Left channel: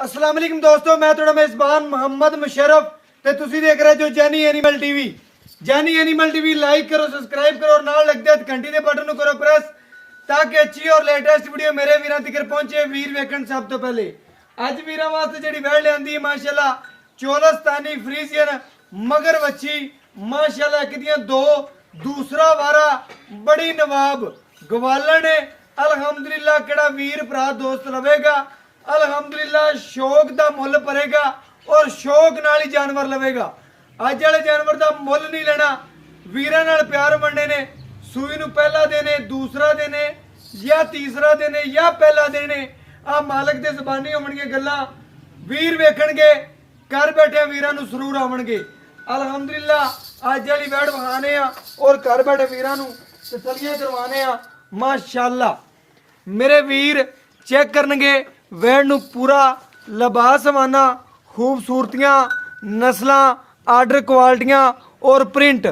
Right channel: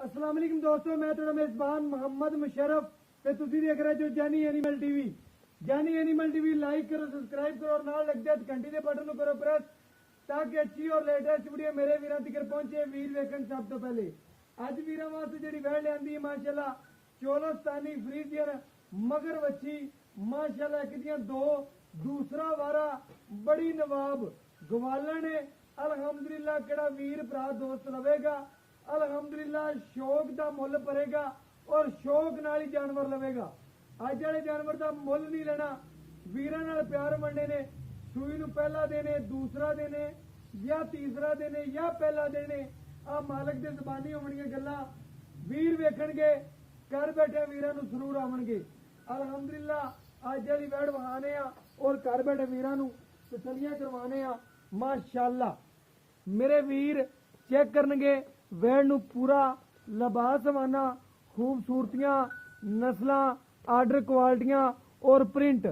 अस्सलाम वालेकुम दोस्तों, मैं थोड़ा मेज़बान मोहम्मद मुशर्रफ ते तुसी देख रहे जो Jaini animal TV. Jaini animal TV like करो, सब्सक्राइब करो और नाल लग दे घंटी दे बटन करो प्रेस ताकि अच्छी और लेटेस्ट वीडियो मेरे वीरां तक पहुंचे। वीर वेखण सब तो पहले अज वीरां वास्ते जेड़ी वैड़ लियांदी है माशाल्लाह चोलस्तानी फ्रीजियन मगर वच्छी माशाल्लाह एक दियां दो, दूसरा वारा बड़ी नवाब गवालन है। अलहमदुलिल्लाह केड़ा वीर भरा दोस्त लवेगा अलहमदुलिल्लाह शौक दा मुल भरेगा और शौक नाल ही जानवर लवेगा। अज वाले जानवर दा मुल नहीं लेना, वीरां नाल प्यार बनने ने। सूई नूं पहला देने, दूसरा देने या तीसरा देने या पहला देने आ मालक दे ज़बानी होवणगे गल्लां वीर वेखणगे, घर बैठे वीरां नूं जरूर आवणगे। अलहमदुलिल्लाह अज वाली वैड़ वहाने आ और घर बैठे वीरां नूं तसल्लियां करवाने आ। माशाअल्लाह मेरे वीर चेक करनगे वैड़ नूं पूरा लिबास समाना, खूबसूरतियां, नस्लां, आर्डर क्वालिटियां और प्रिंट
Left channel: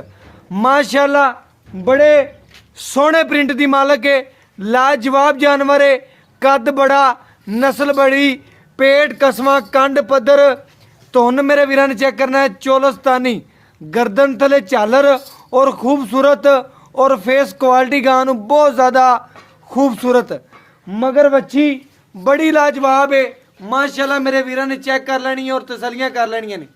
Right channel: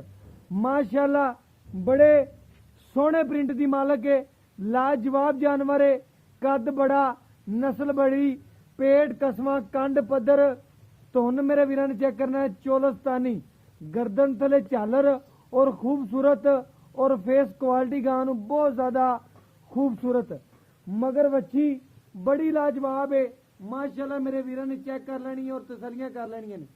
माशाअल्लाह बड़े सोहने प्रिंट दी मालक है। लाजवाब जानवर है, कद बड़ा, नस्ल बड़ी, पेट कसमा, कंड पद्धर। धुन मेरे वीरां ने चेक करना है चोलस्तानी, गर्दन थले झालर और खूबसूरत और फेस क्वालिटी गां बहुत ज़्यादा खूबसूरत मगर बच्ची बड़ी लाजवाब है। माशाल्लाह मेरे वीरां ने चेक कर लेनी है और तसलियां कर लेनियां ने।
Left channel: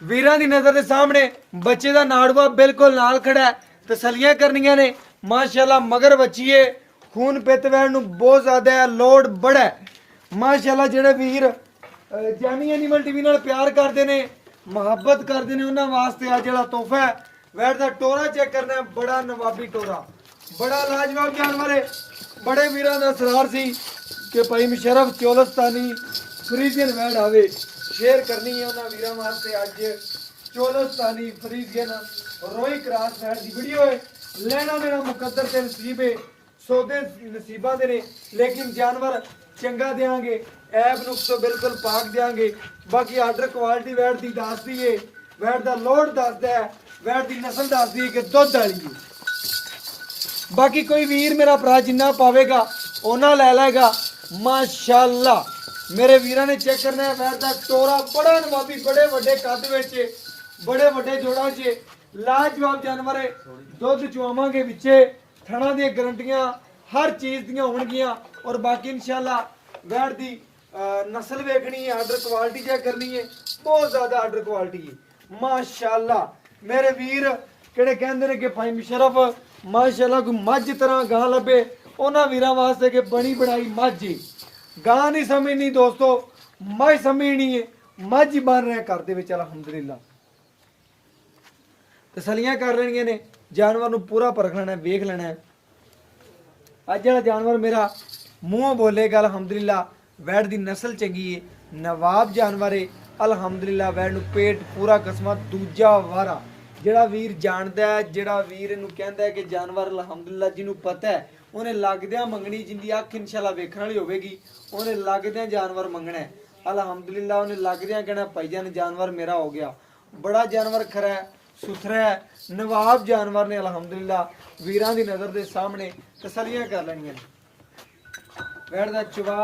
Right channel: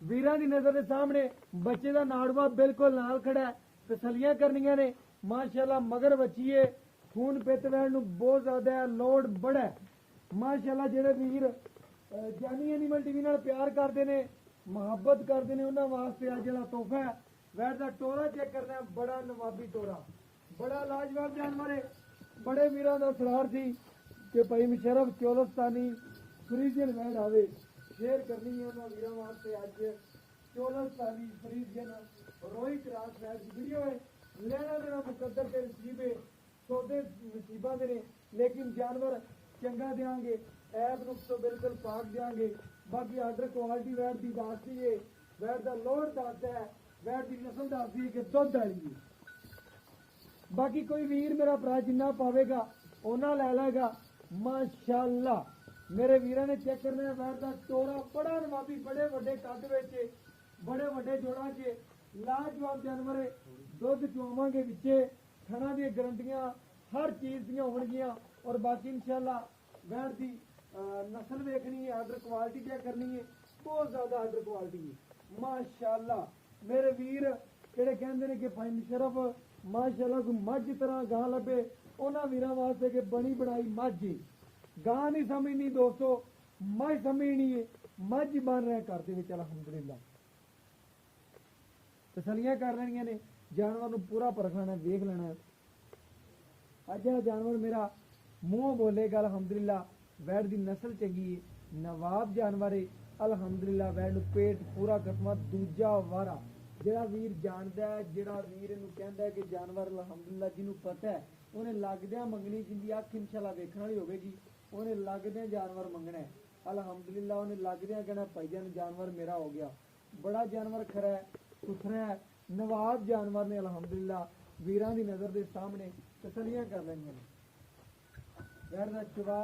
वीरां दी नज़र के सामने बच्चे का नाड़वा बिल्कुल नाल खड़ा है, तसलियां करनियां ने। माशाल्लाह मगर बच्ची है, खून पित वैण नूं बहुत ज़्यादा है, लोड बड़ा है। माशाल्लाह जेड़े वीर जैनी एनिमल टीवी नाल प्यार करते हैं, मुहब्बत करते हैं, उन्होंने वास्ते आ जेड़ा तोहफा है वैड़ दा टोरा चेक करना है। बड़ा नवाबी टोरा, बड़ा लाजवाब जानवर है। बड़े वीरां दा असरार सी कि भाई मुशर्रफ चोलस्तानी फ्रीजियन वैड़ आवे, शेयर करनी है उन्होंने वीरां वास्ते। अज चोलस्तानी फ्रीजियन रोई क्रॉस वैड़ दी वीडियो है। लेना देना मुकद्दर ते नसीब है, सौदे नसीबां दे ने, लेकिन जानवर चंगा देंगे, ऐब नुक्स तो बिल्कुल पाक देंगे। बाकी आर्डर क्वालिटी वैड़ दी दसदी है, वैड़ दा लोड दसदा है, वैड़ दी नस्ल दसदी है कि दुध वाली है। बाकी कोई वीर मेरा भरा जिन्ना पावेगा उन्ना लै लेगा। माशाअल्लाह मेरे वीरां ने चेक करना है वैड़ दा टोरा बड़ा नवाबी, बड़े वड्डे कद विच, बड़े वड्डे जोड़ां च लाजवाब जानवर है। दुध चुआवांगे विचे, थणा दी गारंटियां हर चीज़ दियां होणगियां। और बाकी इंशाअल्लाह वैड़ दी नस्ल वेखनी है, आर्डर क्वालिटी चेक करनी है, बहुत ज़्यादा आर्डर क्वालिटी है। माशाअल्लाह मेरे वीर किहड़े कहंदे ने कि भाई मुशर्रफ माशाअल्लाह कोई मझ तरह गां लभे, उन्हां वीरां वास्ते कि बनी बनाई मझ है। गां नहीं समझनी दोस्तों, मझ समझनी है, मझ ही बन रहे घर दे विच। अलहमदुलिल्लाह तसलियां कर लेनियां ने, जानवर नूं पूरा परख लेना है, वेख लेना है। अज वाला जानवर मेरा मूँहों बोलेगा अलहमदुलिल्लाह वैड़ दी नस्ल चंगी है, नवाब जानवर है। अलहमदुलिल्लाह वैड़ नूं पेट पूरा कसमा, दूजा वारा ਜਿਹੜਾ ਵੀਰ ਜਾਣਦਾ ਹੈ, ਜਿਹੜਾ ਵੀਰ ਇਹਨੂੰ ਕਹਿੰਦਾ ਹੈ ਕਿ ਜਾਨਵਰ ਅਲਹਮਦੁਲਿल्लाह ਜਿਹਨੂੰ ਪਤਾ ਹੈ ਉਹਨੇ ਲੱਗਦਿਆਂ ਮੰਗਣੀ, ਜਿੰਦੀ ਅੱਖ ਇਨਸ਼ਾਅੱਲਾ ਵੇਖਣ ਵਾਲੀ ਹੋਵੇਗੀ ਉਹਨੇ ਲੱਗਦਿਆਂ ਜਾਨਵਰ ਮੰਗਣਾ ਹੈ। ਅਲਹਮਦੁਲਿल्लाह ਉਹਨੇ ਲੱਗਦਿਆਂ ਕਹਿਣਾ ਭਾਈਜਾਨ ਜਾਨਵਰ ਮੇਰਾ ਹੋ ਗਿਆ। ਬੜਾ ਜਾਨਵਰ ਖਰਾ ਹੈ, ਸੁਥਰਾ ਹੈ, ਨਵਾਬ ਜਾਨਵਰ ਨੇ। ਅਲਹਮਦੁਲਿल्लाह ਵੀਰਾਂ ਦੀ ਨਜ਼ਰ ਦੇ ਸਾਹਮਣੇ ਤਸੱਲੀਆਂ ਕਰ ਲੈਣੀਆਂ ਨੇ। वैड़ दा चवा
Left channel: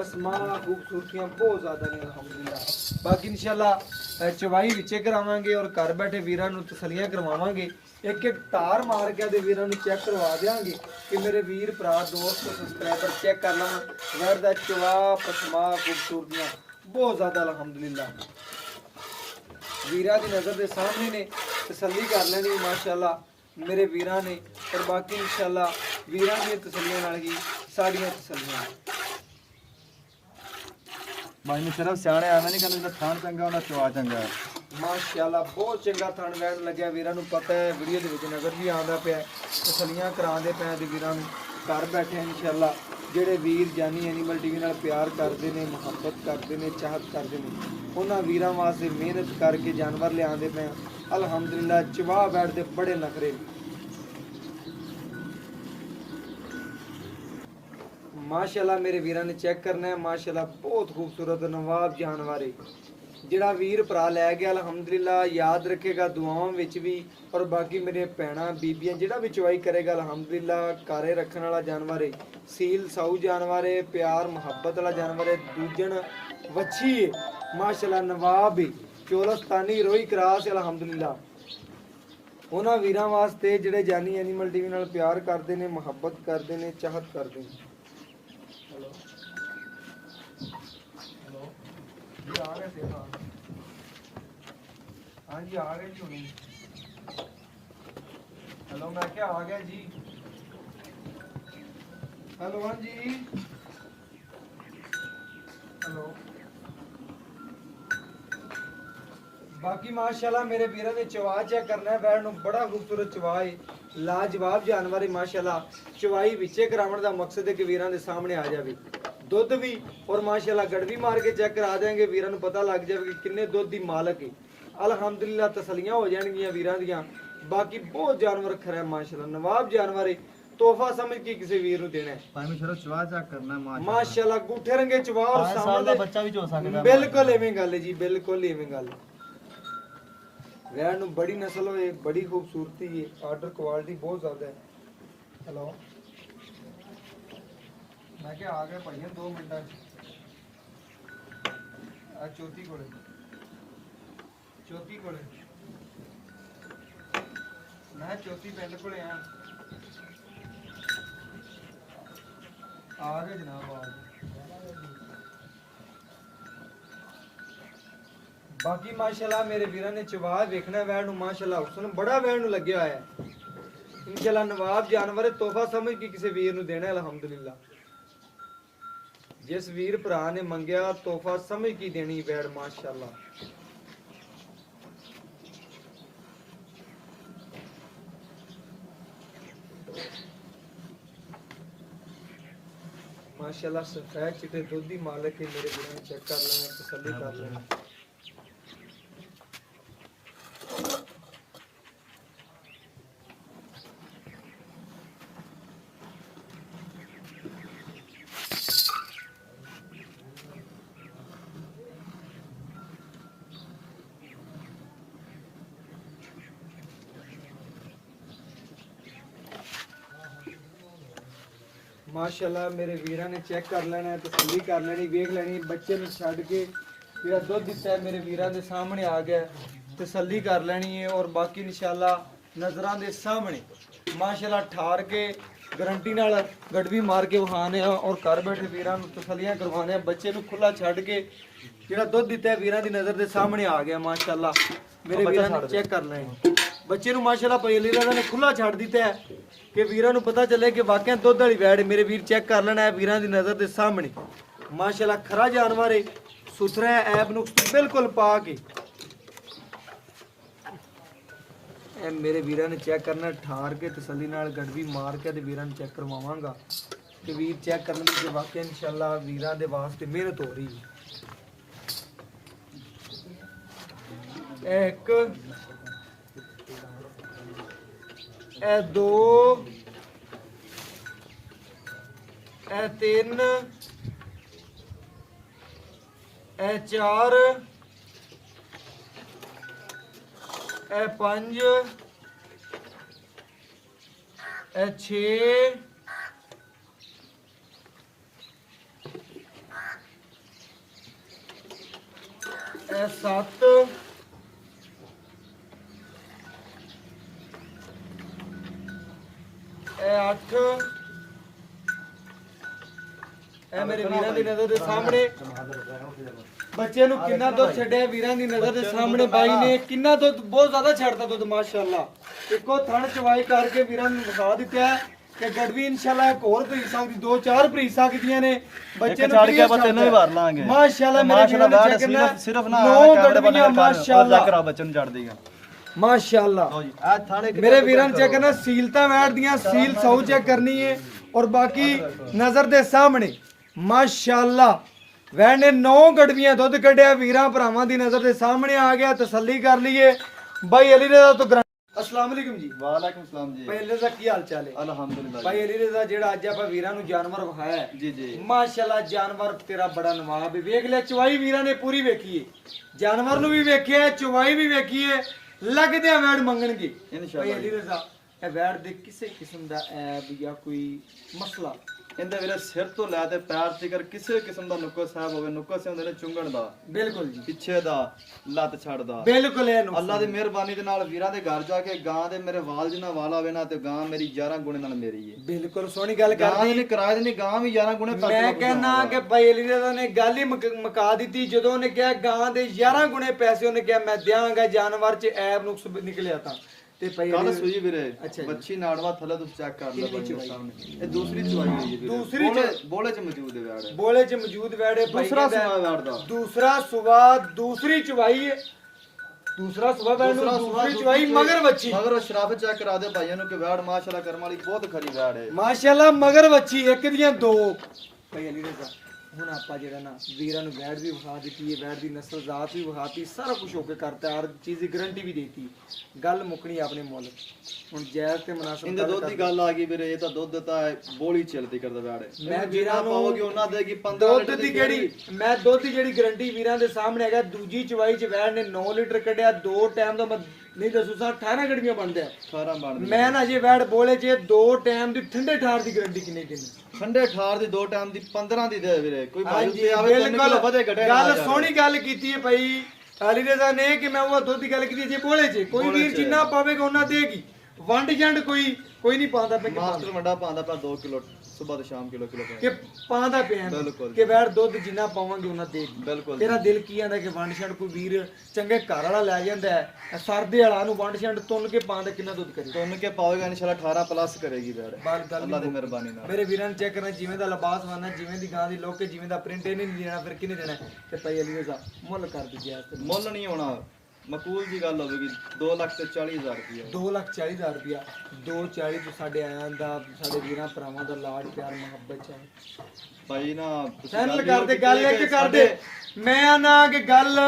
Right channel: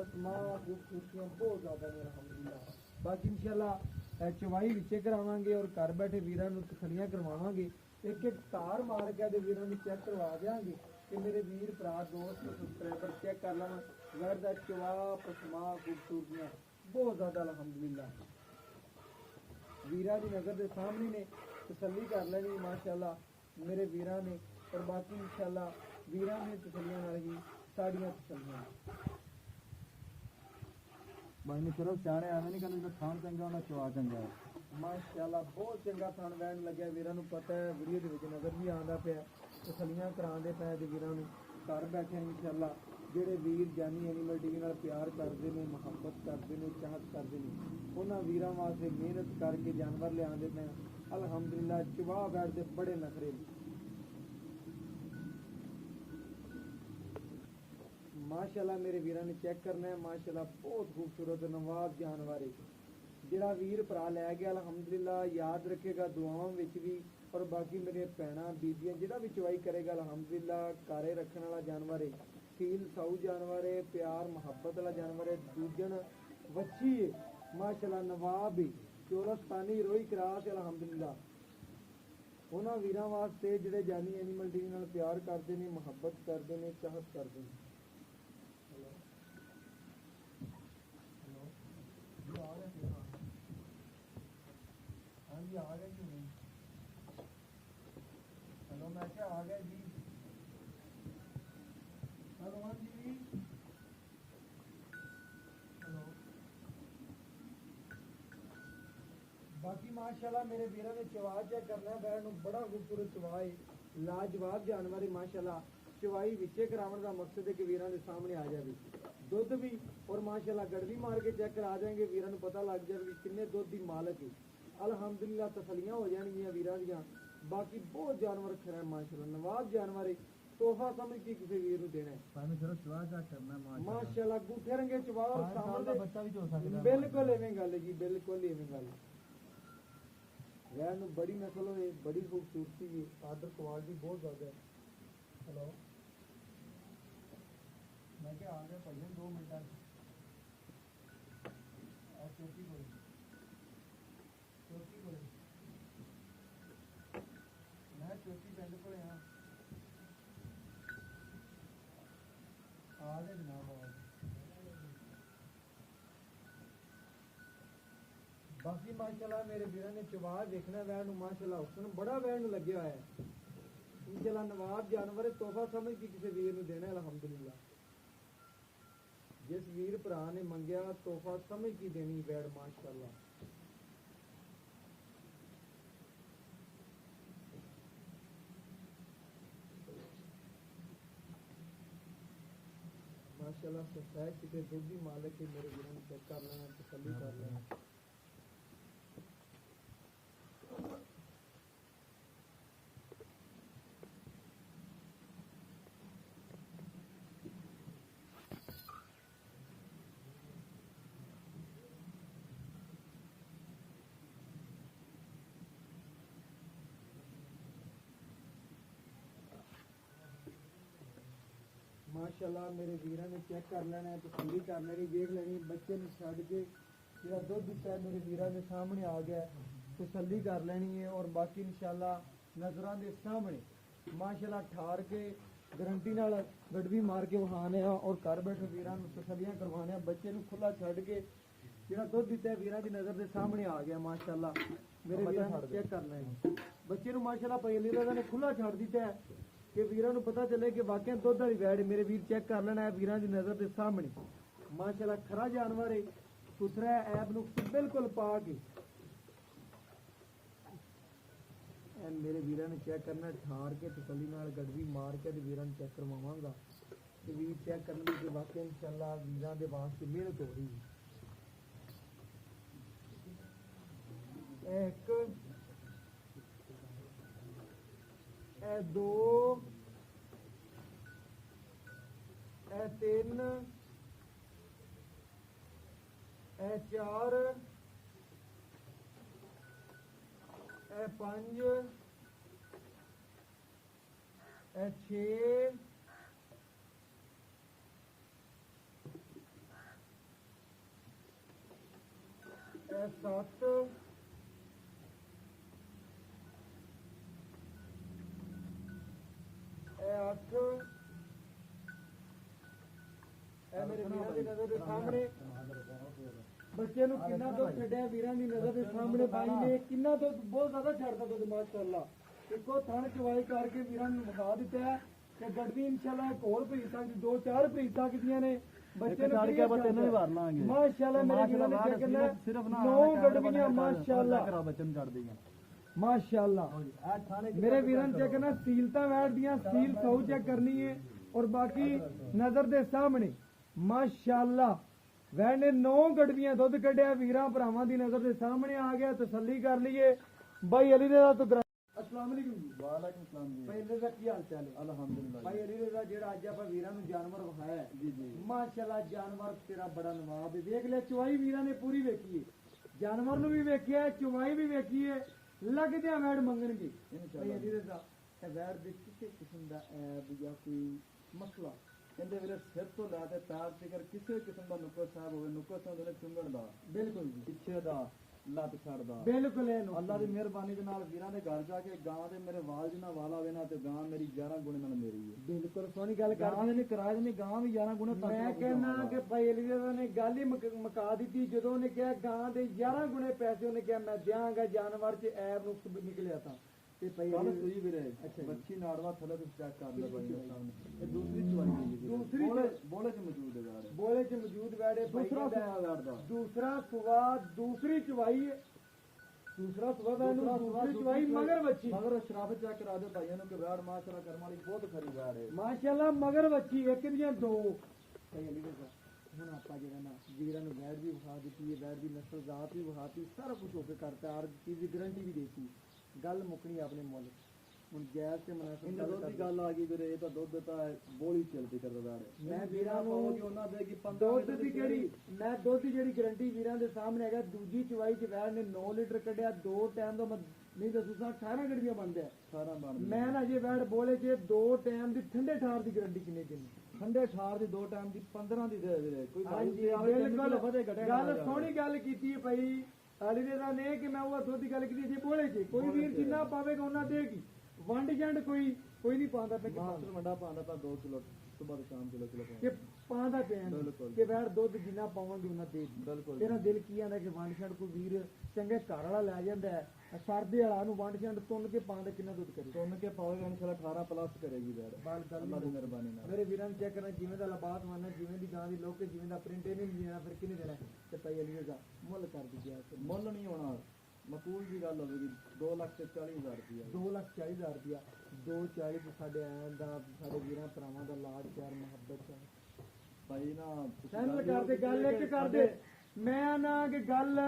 असमा खूबसूरतियां बहुत ज़्यादा ने अलहमदुलिल्लाह। बाकी इंशाअल्लाह चवाई विचे करावांगे और घर बैठे वीरां नूं तसल्लियां करवावांगे। एक एक धार मार के दे वीरां नूं चेक करवा देंगे कि मेरे वीर भरा दोस्त सबसक्राइबर चेक कर लवन। वैड़ दा चवा असमा खूबसूरतियां बहुत ज़्यादा अलहमदुलिल्लाह वीरां दी नज़र दे सामने ने, तसल्ली कर लेनी माशाअल्लाह मेरे वीरां ने। और बाकी इंशाअल्लाह वीरां दी तसल्लियां नाल ही साड़ियां तसल्लियां। भाई मुशर्रफ सियाणे आवे नहीं कहंदे थान चंगा उन्हां चवा चंगा है। माशाअल्लाह बहुत चंगा थान वैड़ लग्या। वीरां नूं पता है, वीडियो दे विच नज़र भी आंदा पिया, तसल्लियां करांदे पए ते वीरां नूं घर बैठे इंशाअल्लाह ਜਿਹੜੇ ਵੀਰ ਜਾਨੀ ਐਨੀਮਲ ਟੀਵੀ ਨਾਲ ਪਿਆਰ ਕਰਦੇ ਨੇ, ਮੁਹੱਬਤ ਕਰਦੇ ਨੇ, ਚਾਹਤ ਕਰਦੇ ਨੇ, ਉਹਨਾਂ ਵੀਰਾਂ ਵਾਸਤੇ ਮਿਹਨਤ ਕਰਕੇ ਜਾਨਵਰ ਲਿਆਉਂਦੇ ਪਏ। ਅਲਹਮਦੁਲਿल्लाह ਚਵਾ ਵੈੜ ਦੇ ਬੜੇ ਨਖਰੇ। माशाल्लाह मेरे वीरां ने चेक करना है। माशाल्लाह बहुत खूबसूरत नवाब जानवर है। ਜਿਹੜਾ ਵੀਰ ਭਰਾ ਲੈ ਗਿਆ ਅਲਹਮਦੁਲਿਲਾ ਯਾਦ ਰੱਖੇਗਾ ਦੁਆਵਾਂ ਵਿੱਚ ਵੀ। ਔਰ ਬਾਕੀ ਮੇਰੇ ਭੈਣਾਂ ਬੀਬੀਆਂ ਜਿਹੜਾ ਵੀ ਚੁਆਈ ਕਰੇਗਾ ਅਲਹਮਦੁਲਿਲਾ ਘਰੇ ਰੱਖਣ ਵਾਲਾ ਜਾਨਵਰ ਹੈ, ਸੀਲ ਸਾਊ ਜਾਨਵਰ ਹੈ, ਪਿਆਰ ਮੁਹੱਬਤ ਵਾਲਾ ਜਾਨਵਰ ਹੈ, ਦੂਜਣ ਵੱਛੀ ਹੈ ਮਾਸ਼ਾਅੱਲਾ, ਨਵਾਬ ਹੈ, ਚੋਲਸਤਾਨੀ ਰੋਈ ਕਰਾਸ ਅਲਹਮਦੁਲਿਲਾ। ਉਹਨਾਂ ਵੀਰਾਂ ਵਾਸਤੇ ਜਿਹੜੇ ਜਾਨੀ ਐਨੀਮਲ ਟੀਵੀ ਨਾਲ ਪਿਆਰ ਕਰਦੇ ਨੇ, ਮੁਹੱਬਤ ਕਰਦੇ ਨੇ, ਚਾਹਤ ਕਰਦੇ ਨੇ। ਹੈਲੋ ਹੈਲੋ ਜੀ ਆ ਗਏ ਸੇ ਹਾਂ ਜੀ ਆ ਗਏ ਜੀ ਹੁਣੇ। ਹੈਲੋ ਮੈਂ ਕਿਹਾ ਆ ਗਿਆ ਜੀ। ਹੈਲੋ ਹਾਂ ਜੀ ਹੈਲੋ। ਬਾਕੀ ਮਾਸ਼ਾਅੱਲਾ ਮੇਰੇ ਵੀਰਾਂ ਨੇ ਚਵਾ ਚੈੱਕ ਕਰਨਾ ਹੈ, ਵੈੜ ਨੂੰ ਬੜਾ ਖੂਬਸੂਰਤ ਚਵਾ ਹੈ, ਲਾਜਵਾਬ ਜਾਨਵਰ ਹੈ ਮਾਸ਼ਾਅੱਲਾ। ਚਵਾਈ ਵਿੱਚੇ ਕਰਾਉਣ ਦਾ ਮਕਸਦ ਹੈ ਕਿ ਵੀਰਾਂ ਦੇ ਸਾਹਮਣੇ ਆ ਜਾਵੇ ਦੁੱਧ ਵੀ, ਔਰ ਮਾਸ਼ਾਅੱਲਾ ਗੜਵੀ ਮਾਰ ਕੇ ਚੈੱਕ ਕਰਾ ਦੇਾਂਗੇ, ਵੀਰਾਂ ਨੂੰ ਪਤਾ ਲੱਗ ਜਾਵੇ ਕਿ ਕਿੰਨੇ ਦੁੱਧ ਦੀ ਮਾਲਕ ਹੈ। ਅਲਹਮਦੁਲਿਲਾ ਤਸੱਲੀਆਂ ਹੋ ਜਾਣਗੀਆਂ ਵੀਰਾਂ ਦੀਆਂ। ਬਾਕੀ ਬਹੁਤ ਜਾਨਵਰ ਖਰਾ ਮਾਸ਼ਾਅੱਲਾ, ਨਵਾਬ ਜਾਨਵਰ ਹੈ, ਤੋਹਫਾ ਸਮਝ ਕੇ ਕਿਸੇ ਵੀਰ ਨੂੰ ਦੇਣਾ ਹੈ। ਭਾਈ ਮੈਂ ਸ਼ਰਤ ਚਵਾ ਚੈੱਕ ਕਰਨਾ ਮਾਸ਼ਾਅੱਲਾ ਗੂਠੇ ਰੰਗੇ ਚਵਾ ਔਰ ਸਾਹਮਣੇ ਦਾ ਬੱਚਾ ਵੀ ਹੋ ਸਕਦਾ। ਬਿਲਕੁਲ ਐਵੇਂ ਗੱਲ ਹੈ ਜੀ, ਬਿਲਕੁਲ ਐਵੇਂ ਗੱਲ। ਵੈੜ ਨੂੰ ਬੜੀ ਨਸਲ ਹੋਏ, ਬੜੀ ਖੂਬਸੂਰਤੀ ਹੈ, ਆਰਡਰ ਕੁਆਲਿਟੀ ਬਹੁਤ ਜ਼ਿਆਦਾ ਹੈ। ਹੈਲੋ ਮੈਂ ਕਿਹਾ ਆ ਗਏ ਭਾਈਆਂ 2 ਮਿੰਟਾਂ ਚ। ਆ ਚੌਥੀ ਕੋਲੇ ਮੈਂ ਚੌਥੀ ਪਿੰਡ ਕੋਲੇ ਆ ਗਏ ਜਨਾਬ ਆ ਗਏ। ਬਾਕੀ ਮਾਸ਼ਾਅੱਲਾ ਮੇਰੇ ਵੀਰਾਂ ਨੇ ਚਵਾ ਵੇਖਣਾ ਵੈੜ ਨੂੰ ਮਾਸ਼ਾਅੱਲਾ, ਹੁਸਨ ਬੜਾ ਵੈੜ ਨੂੰ ਲੱਗਿਆ ਹੋਇਆ ਹੈ ਇਨਸ਼ਾਅੱਲਾ। ਨਵਾਬ ਜਾਨਵਰ ਹੈ, ਤੋਹਫਾ ਸਮਝ ਕੇ ਕਿਸੇ ਵੀਰ ਨੂੰ ਦੇਣਾ ਅਲਹਮਦੁਲਿਲਾ। ਜਿਸ ਵੀਰ ਭਰਾ ਨੇ ਮੰਗਿਆ ਤੋਹਫਾ ਸਮਝ ਕੇ ਦੇਣੀ ਵੈੜ ਮਾਸ਼ਾਅੱਲਾ। माशाल्लाह सफेद चिट्टे दुध दी मालिक है, मेरे ਵੀਰਾਂ ਚੈੱਕ ਕਰ ਲੈਣਾ, ਤਸੱਲੀ ਕਰ ਲੈਣਾ। ਮਾਸ਼ਾਅੱਲਾ ਮੇਰੇ ਵੀਰਾਂ ਨੇ ਚੈੱਕ ਕਰ ਲੈਣਾ ਹੈ, ਤਸੱਲੀ ਕਰ ਲੈਣੀ, ਵੇਖ ਲੈਣੀ। ਬੱਚੇ ਨੂੰ ਛੱਡ ਕੇ ਜਿਹੜਾ ਦੁੱਧ ਦਿੱਤਾ ਹੈ ਮੇਰੇ ਵੀਰਾਂ ਦੇ ਸਾਹਮਣੇ ਆ ਗਿਆ, ਤਸੱਲੀ ਕਰ ਲੈਣੀ ਹੈ। ਔਰ ਬਾਕੀ ਇਨਸ਼ਾਅੱਲਾ ਨਜ਼ਰਾਂ ਦੇ ਸਾਹਮਣੇ ਮਾਸ਼ਾਅੱਲਾ ਠਾਰ ਕੇ ਗਰੰਟੀ ਨਾਲ ਗੜਵੀ ਮਾਰ ਕੇ ਵਹਾਣੇ ਆ, ਔਰ ਘਰ ਬੈਠੇ ਵੀਰਾਂ ਨੂੰ ਤਸੱਲੀਆਂ ਕਰਵਾਉਣੇ ਆ। ਬੱਚੇ ਨੂੰ ਖੁੱਲਾ ਛੱਡ ਕੇ ਜਿਹੜਾ ਦੁੱਧ ਦਿੱਤਾ ਹੈ ਵੀਰਾਂ ਦੀ ਨਜ਼ਰ ਦੇ ਸਾਹਮਣੇ ਆ ਗਿਆ ਮਾਸ਼ਾਅੱਲਾ। ਮੇਰੇ ਵੀਰਾਂ ਨੇ ਚੈੱਕ ਕਰ ਲੈਣੀ। ਬੱਚੇ ਨੂੰ ਮਾਸ਼ਾਅੱਲਾ ਪਹਿਲੀ ਰਾਤ ਨੇ ਖੁੱਲਾ ਛੱਡ ਦਿੱਤਾ ਹੈ ਕਿ ਵੀਰਾਂ ਨੂੰ ਪਤਾ ਚੱਲੇ ਕਿ ਵਾਕਿਆ ਦੁੱਧ ਵਾਲੀ ਵੈੜ। ਮੇਰੇ ਵੀਰ ਚੈੱਕ ਕਰ ਲੈਣਾ ਹੈ ਵੀਰਾਂ ਦੀ ਨਜ਼ਰ ਦੇ ਸਾਹਮਣੇ ਮਾਸ਼ਾਅੱਲਾ। ਖਰਾ ਜਾਨਵਰ ਹੈ, ਸੁਥਰਾ ਹੈ, ਐਬ ਨੂੰ ਬਿਲਕੁਲ ਪਾ ਕੇ। ਇਹ ਮੇਰੇ ਵੀਰਾਂ ਨੇ ਚੈੱਕ ਕਰਨਾ, ਠਾਰ ਕੇ ਤਸੱਲੀ ਨਾਲ ਗੜਵੀ ਮਾਰ ਕੇ ਤੇ ਵੀਰਾਂ ਨੂੰ ਚੈੱਕ ਕਰਵਾਵਾਂਗਾ ਕਿ ਵੀਰ ਚੈੱਕ ਕਰਨ ਦੀ ਕਿ ਵਾਕਿਆ ਇਨਸ਼ਾਅੱਲਾ ਵੀਰਾਂ ਦੇ ਵਾਸਤੇ ਮਿਹਨਤ ਹੋ ਰਹੀ ਹੈ। ਇੱਕ ਇਹ 2 ਇਹ 3 ਇਹ 4 ਇਹ 5 ਇਹ 6 ਇਹ 7 ਇਹ 8 ਇਹ ਮੇਰੇ ਵੀਰਾਂ ਦੀ ਨਜ਼ਰ ਦੇ ਸਾਹਮਣੇ ਬੱਚੇ ਨੂੰ ਕਿੰਨਾ ਦੁੱਧ ਛੱਡਿਆ ਵੀਰਾਂ ਦੀ ਨਜ਼ਰ ਦੇ ਸਾਹਮਣੇ। ਬਾਈ ਨੇ ਕਿੰਨਾ ਦੁੱਧ, ਬਹੁਤ ਜ਼ਿਆਦਾ ਛੱਡਦਾ ਦੁੱਧ ਮਾਸ਼ਾਅੱਲਾ। ਇੱਕੋ ਥਣ ਚਵਾਈ ਕਰਕੇ ਵੀਰਾਂ ਨੂੰ ਵਿਖਾ ਦਿੱਤਾ ਹੈ ਕਿ ਗੜਵੀ ਇਨਸ਼ਾਅੱਲਾ ਇੱਕ ਹੋਰ ਭਰੀ ਸਕਦੀ, 2-4 ਭਰੀ ਸਕਦੀਆਂ ਨੇ। ਬੱਚੇ ਨੂੰ ਕੇ ਆਪਾਂ ਤੈਨੂੰ ਹੀ ਵਾਰ ਲਾਂਗੇ ਮਾਸ਼ਾਅੱਲਾ। ਮੇਰੇ ਵੀਰਾਂ ਨੇ ਚੈੱਕ ਕਰਨਾ, ਸਿਰਫ ਨਾ 9 ਗੜਵੀਆਂ ਮਾਸ਼ਾਅੱਲਾ ਕਰਾ ਬੱਚੇ ਨੂੰ ਛੱਡ ਦੇਗਾ ਮਾਸ਼ਾਅੱਲਾ। ਆ ਥਾਣੇ ਮੇਰੇ ਵੀਰਾਂ ਨੂੰ ਚੈੱਕ ਕਰਨਾ, ਸੀਲਤਾ ਵੈੜ ਦੀਆਂ, ਸੀਲ ਸਾਊ ਚੈੱਕ ਕਰਨੀ ਹੈ। ਔਰ ਬਾਕੀ ਨਜ਼ਰ ਦੇ ਸਾਹਮਣੇ ਮਾਸ਼ਾਅੱਲਾ ਵੈੜ ਨੇ 9 ਗੜਵੀਆਂ ਦੁੱਧ ਕੱਢਿਆ ਵੀਰਾਂ ਭਰਾਵਾਂ ਦੀ ਨਜ਼ਰ ਦੇ ਸਾਹਮਣੇ ਆ ਗਿਆ। ਤਸੱਲੀ ਕਰ ਲਈਏ ਬਾਈ ਅਲੀ ਰਜ਼ਾ ਤੋਂ। अस्सलाम वालेकुम जी ਵਾਲੇਕੁਮ ਸਲਾਮ ਜੀ भाई अली रजा की हाल चाल है ਅਲਹਮਦੁਲਿਲਾ भाई अली रजा जेड़ा ਅੱਜ ਆਪਾਂ ਵੀਰਾਂ ਨੂੰ ਜਾਨਵਰ ਵਿਖਾਇਆ ਹੈ ਜੀ ਜੀ ਮਾਸ਼ਾਅੱਲਾ ਜਾਨਵਰ ਤੇਰਾ ਬੜਾ ਨਵਾਬ ਹੈ ਵੇਖ ਲੈ ਚਵਾਈ ਵੀਰਾਂ ਨੇ ਪੂਰੀ ਵੇਖੀ ਹੈ ਜਾਨਵਰ ਨੂੰ ਵੀ ਵੇਖਿਆ ਚਵਾਈ ਵੀ ਵੇਖੀ ਹੈ ਲੱਗਦੇ ਆ ਵੈੜ ਮੰਗਣਗੇ ਇਨਸ਼ਾਅੱਲਾ ਭਾਈ ਅਲੀ ਰਜ਼ਾ ਇਹ ਵੈੜ ਦੇ ਕਿਸੇ ਕਿਸਮ ਦਾ ਐਬ ਜਾਂ ਕੋਈ ਮਸਲਾ ਇਹਦੇ ਵੀਰੇ ਸਿਰ ਤੋਂ ਲੈ ਤੇ ਪੈਰ ਤੀਕਰ ਕਿਸੇ ਕਿਸਮ ਦਾ ਨੁਕਸ ਸਾਹਿਬ ਹੋਵੇ ਨੁਕਸ ਹੁੰਦੇ ਨੇ ਚੁੰਗਣ ਦਾ ਬਿਲਕੁਲ ਜੀ ਪਿੱਛੇ ਦਾ ਲੱਤ ਛੱਡਦਾ ਬਿਲਕੁਲ ਇਹ ਨੁਕਸ ਅੱਲਾ ਦੀ ਮਿਹਰਬਾਨੀ ਦੇ ਨਾਲ ਵੀਰਾਂ ਦੇ ਘਰ ਜਾ ਕੇ ਗਾਂ ਦੇ ਮੇਰੇ ਵਾਲ ਜਿੰਨਾ ਵਾਲ ਆਵੇ ਨਾ ਤੇ ਗਾਂ ਮੇਰੀ 11 ਗੁਣੇ ਨਾਲ ਮੇਰੀ ਹੈ ਬਿਲਕੁਲ ਸੋਹਣੀ ਗੱਲ ਗਾਂ ਕਰਦੀ ਨੇ ਕਿਰਾਏ ਦੀ ਨਹੀਂ ਗਾਂ ਵੀ 11 ਗੁਣੇ ਪੈਸੇ ਮੈਂ ਦਾ ਕਹਿੰਨਾ ਕਿ ਭਾਈ ਅਲੀ ਰਜ਼ਾ ਨੇ ਗੱਲ ਹੀ ਮੁਕਾ ਦਿੱਤੀ ਜਦੋਂ ਉਹਨੇ ਕਿਹਾ ਗਾਂ ਦੇ 11 ਗੁਣੇ ਪੈਸੇ ਉਹਨੇ ਕਿਹਾ ਮੈਂ ਦਿਆਂਗਾ ਜਾਨਵਰ 'ਚ ਐਬ ਨੁਕਸ ਨਿਕਲਿਆ ਤਾਂ ਤੇ ਭਾਈ ਕੱਲ ਸੂਈ ਵੀਰੇ ਅੱਛਾ ਜੀ। ਬੱਚੀ ਨਾੜਵਾ ਥੱਲੇ ਤੁਸੀਂ ਚੈੱਕ ਕਰ ਲਓ ਕਿੰਨੀ ਭਾਈ ਸਾਹਮਣੇ ਇਹ ਦੂਸਰੀ ਚੁਆਈ ਹੋਈ ਹੈ ਵੀਰੇ ਦੂਸਰੀ ਬੋਲੇ ਚ ਮੌਜੂਦ ਹੈ ਵੈੜ ਬੋਲੇ 'ਚ ਮੌਜੂਦ ਵੈੜ ਹੈ ਭਾਈ ਦੂਸਰਾ ਕਹਿੰਦਾ ਸੁਭਾ ਵੈੜ ਦਾ ਦੂਸਰਾ ਸੁਬਾ ਦੂਸਰੀ ਚਵਾਈ ਹੈ ਦੂਸਰਾ ਸੁਬਾ ਵੈੜ ਨੂੰ ਦੂਸਰੀ ਚਵਾਈ ਮਗਰ ਬੱਚੀ ਮਗਰ ਉਹ ਸ਼ਰਾਫ ਚੈੱਕ ਕਰਾ ਦੇ ਭਾਈਆਂ ਨੂੰ ਕਿ ਵੈੜ ਮਾਸ਼ਾਅੱਲਾ ਕਰਮ ਵਾਲੀ ਬਹੁਤ ਖਰੀ ਵੈੜ ਹੈ ਮਾਸ਼ਾਅੱਲਾ ਮਗਰ ਬੱਚੀ ਇੱਕ ਦੀਆਂ ਦੋ ਭਾਈ ਅਲੀ ਰਜ਼ਾ ਹੁਣ ਆਪਾਂ ਜਿਹੜਾ ਨਾ ਵੀਰਾਂ ਨੂੰ ਵੈੜ ਵੀ ਵਿਖਾ ਦਿੱਤੀ ਹੈ ਵੈੜ ਦੀ ਨਸਲ ਜ਼ਾਤ ਵੀ ਵਿਖਾਤੀ ਸਾਰਾ ਕੁਝ ਹੋ ਕੇ ਕਰਤਾ ਹਰ ਚੀਜ਼ ਦੀ ਗਾਰੰਟੀ ਵੀ ਦੇਤੀ ਗੱਲ ਮੁੱਕਣੀ ਆਪਣੇ ਮੁੱਲ ਹੁਣ ਜਾਇਜ਼ ਤੇ ਮੁਨਾਸਬ ਇਹਦੇ ਦੁੱਧ ਦੀ ਗੱਲ ਆ ਗਈ ਵੀਰੇ ਇਹ ਤਾਂ ਦੁੱਧ ਤਾਂ ਬੋਲੀ ਚਲਦੀ ਕਰਦਾ ਵੈੜ ਮੈਂ ਵੀਰਾਂ ਵੀਰਾਂ ਨੂੰ ਪਾਓਗੇ ਉਹਨਾਂ ਦੇਗੀ 15 ਦੁੱਧ ਲੀਟਰ ਦੀ ਕਿਹੜੀ ਮੈਂ ਦੁੱਧ ਦੀ ਜਿਹੜੀ ਗਾਰੰਟੀ ਵੀਰਾਂ ਦੇ ਸਾਹਮਣੇ ਹੈਗਾ ਦੂਜੀ ਚਵਾਈ ਚ ਵੈੜ ਨੇ 9 ਲੀਟਰ ਕੱਢਿਆ ਦੋ ਟਾਈਮ ਦਾ ਮੈਂ ਨਹੀਂ ਦੱਸੂ ਸਾ 18 ਗੜੀਆਂ ਬਣਦੇ ਆ 18 ਬਣਦੀ ਮੈਂ ਨਾ ਜੇ ਵੈੜ ਬੋਲੇ ਚ ਦੋ ਟਾਈਮ ਦੀ ਠੰਡੇ ਠਾਰ ਦੀ ਗਾਰੰਟੀ ਕਿੰਨੇ ਠੰਡੇ ਠਾਰ ਦੀ 2 ਟਾਈਮ ਦੀ 15 ਦੀ ਦੇ ਵੀਰੇ ਕੋਈ ਭਾਈ ਹਾਂਜੀ ਉੱਤੇ ਆਵੇ 3 ਕਿਲੋ ਬਿਲਕੁਲ ਵਧੇ ਘਟੇ ਗੱਲ ਸੋਹਣੀ ਗੱਲ ਕੀਤੀ ਹੈ ਭਾਈ ਅਲੀ ਰਜ਼ਾ ਨੇ ਕਿ ਮੈਂ ਉਹ ਦੁੱਧ ਦੀ ਗੱਲ ਕੀਤੀ ਜੇ ਬੋਲੇ ਚ ਕੋਈ ਵੀਰ ਜਿੰਨਾ ਪਾਵੇਗਾ ਉਹਨਾਂ ਦੇਗੀ ਵੰਡ ਜੰਡ ਕੋਈ ਨਹੀਂ ਪਾਉਂਦਾ ਪਿਆ ਮਾਸਟਰ ਵੱਡਾ ਪਾਉਂਦਾ ਪਿਆ 2 ਕਿਲੋ ਸਵੇਰ ਤੇ ਸ਼ਾਮ ਕਿਲੋ ਕਿ ਪਾਉਂਦਾ ਪਿਆ ਬਿਲਕੁਲ। ਕਿ ਵੈੜ ਦੁੱਧ ਜਿੰਨਾ ਪਾਵਾਂਗੇ ਉਹਨਾਂ ਦੇਗੀ ਬਿਲਕੁਲ ਤੇਰਾ ਦਿਲ ਕੀ ਆਂਦਾ ਕਿ ਵੰਡ ਛੰਡ ਕੋਈ ਵੀਰ ਚੰਗੇ ਘਰ ਵਾਲਾ ਲੈ ਜਾਂਦਾ ਹੈ ਸਰਦੇ ਵਾਲਾ ਨੂੰ ਵੰਡ ਛੰਡ ਤੁੰਨ ਕੇ ਪਾਉਂਦਾ ਕਿੰਨਾ ਦੁੱਧ ਕਰੇ ਤੁੰਨ ਕੇ ਪਾਵੇਗਾ ਇਨਸ਼ਾਅੱਲਾ 18 ਪਲੱਸ ਕਰੇਗੀ ਵੈੜ ਬਾਲ ਗੱਲ ਅੱਲਾ ਦੀ ਮਿਹਰਬਾਨੀ ਨਾਲ ਮੇਰੇ ਵੀਰਾਂ ਨੂੰ ਚੈੱਕ ਕਰਨਾ ਜਿਵੇਂ ਦਾ ਲਿਬਾਸ ਵਾਨਾ ਜਿਵੇਂ ਦੀ ਗਾਂ ਦੀ ਲੋਕ ਜਿਵੇਂ ਦਾ ਪ੍ਰਿੰਟ ਇਹਨੇ ਨਹੀਂ ਦੇਣਾ ਫਿਰ ਕਿਹਨੇ ਦੇਣਾ ਤੇ ਭਾਈ ਅਲੀ ਰਜ਼ਾ ਮੁੱਲ ਕਰ ਦਿੱਤੀ ਆ ਮੁੱਲ ਨਹੀਂ ਹੋਣਾ ਮਕੂਲ ਦੀ ਗੱਲ ਹੋਵੇਗੀ 2,40,000 ਰੁਪਏ 2,40,000 ਰੁਪਇਆ 2,40 ਤੋਂ ਸਾਡੇ ਆਇਆਂ ਦਾ ਸਾਡੇ ਵੀਰਾਂ ਭਰਾਵਾਂ ਦਾ ਲਾਡ ਪਿਆਰ ਮੁਹੱਬਤ ਚ ਭਾਈ ਨਾ ਤੁਸੀਂ ਫਾਈਨਲ ਗੱਲ ਕਰਦੇ ਗੱਲ ਇੱਕ ਕਰਦੇ ਮੈਂ ਨਾ ਕਿ ਗੱਲ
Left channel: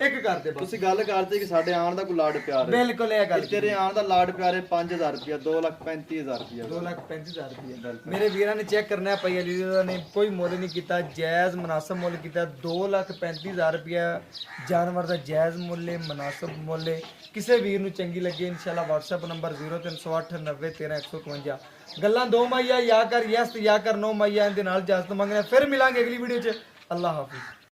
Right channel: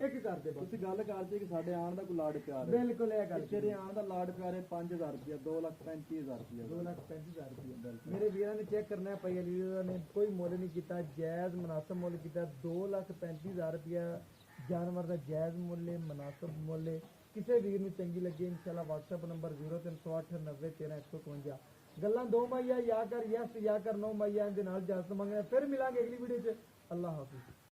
ਇੱਕ ਕਰਦੇ ਬਸ ਤੁਸੀਂ ਗੱਲ ਕਰਦੇ ਕਿ ਸਾਡੇ ਆਣ ਦਾ ਕੋਈ ਲਾਡ ਪਿਆਰ ਹੈ ਬਿਲਕੁਲ ਇਹ ਗੱਲ ਤੇਰੇ ਆਣ ਦਾ ਲਾਡ ਪਿਆਰ ਹੈ 5,000 ਰੁਪਏ 2,35,000 ਰੁਪਏ 2,35,000 ਰੁਪਇਆ ਮੇਰੇ ਵੀਰਾਂ ਨੇ ਚੈੱਕ ਕਰਨਾ ਹੈ ਭਾਈ ਅਲੀ ਰਜ਼ਾ ਨੇ ਕੋਈ ਮੁੱਲ ਨਹੀਂ ਕੀਤਾ ਜਾਇਜ਼ ਮੁਨਾਸਬ ਮੁੱਲ ਕੀਤਾ 2,35,000 ਰੁਪਇਆ ਜਾਨਵਰ ਦਾ ਜਾਇਜ਼ ਮੁੱਲ ਹੈ ਮੁਨਾਸਬ ਮੁੱਲ ਹੈ ਕਿਸੇ ਵੀਰ ਨੂੰ ਚੰਗੀ ਲੱਗੇ ਇਨਸ਼ਾਅੱਲਾ WhatsApp ਨੰਬਰ 0308 90 13 151 ਗੱਲਾਂ ਦੋ ਮਾਈਆ ਯਾ ਕਰ ਯਸ ਯਾ ਕਰ ਨੋ ਮਾਈਆ ਇਹਦੇ ਨਾਲ ਇਜਾਜ਼ਤ ਮੰਗਣਾ ਫਿਰ ਮਿਲਾਂਗੇ ਅਗਲੀ ਵੀਡੀਓ 'ਚ ਅੱਲਾ ਹਾਫਿਜ਼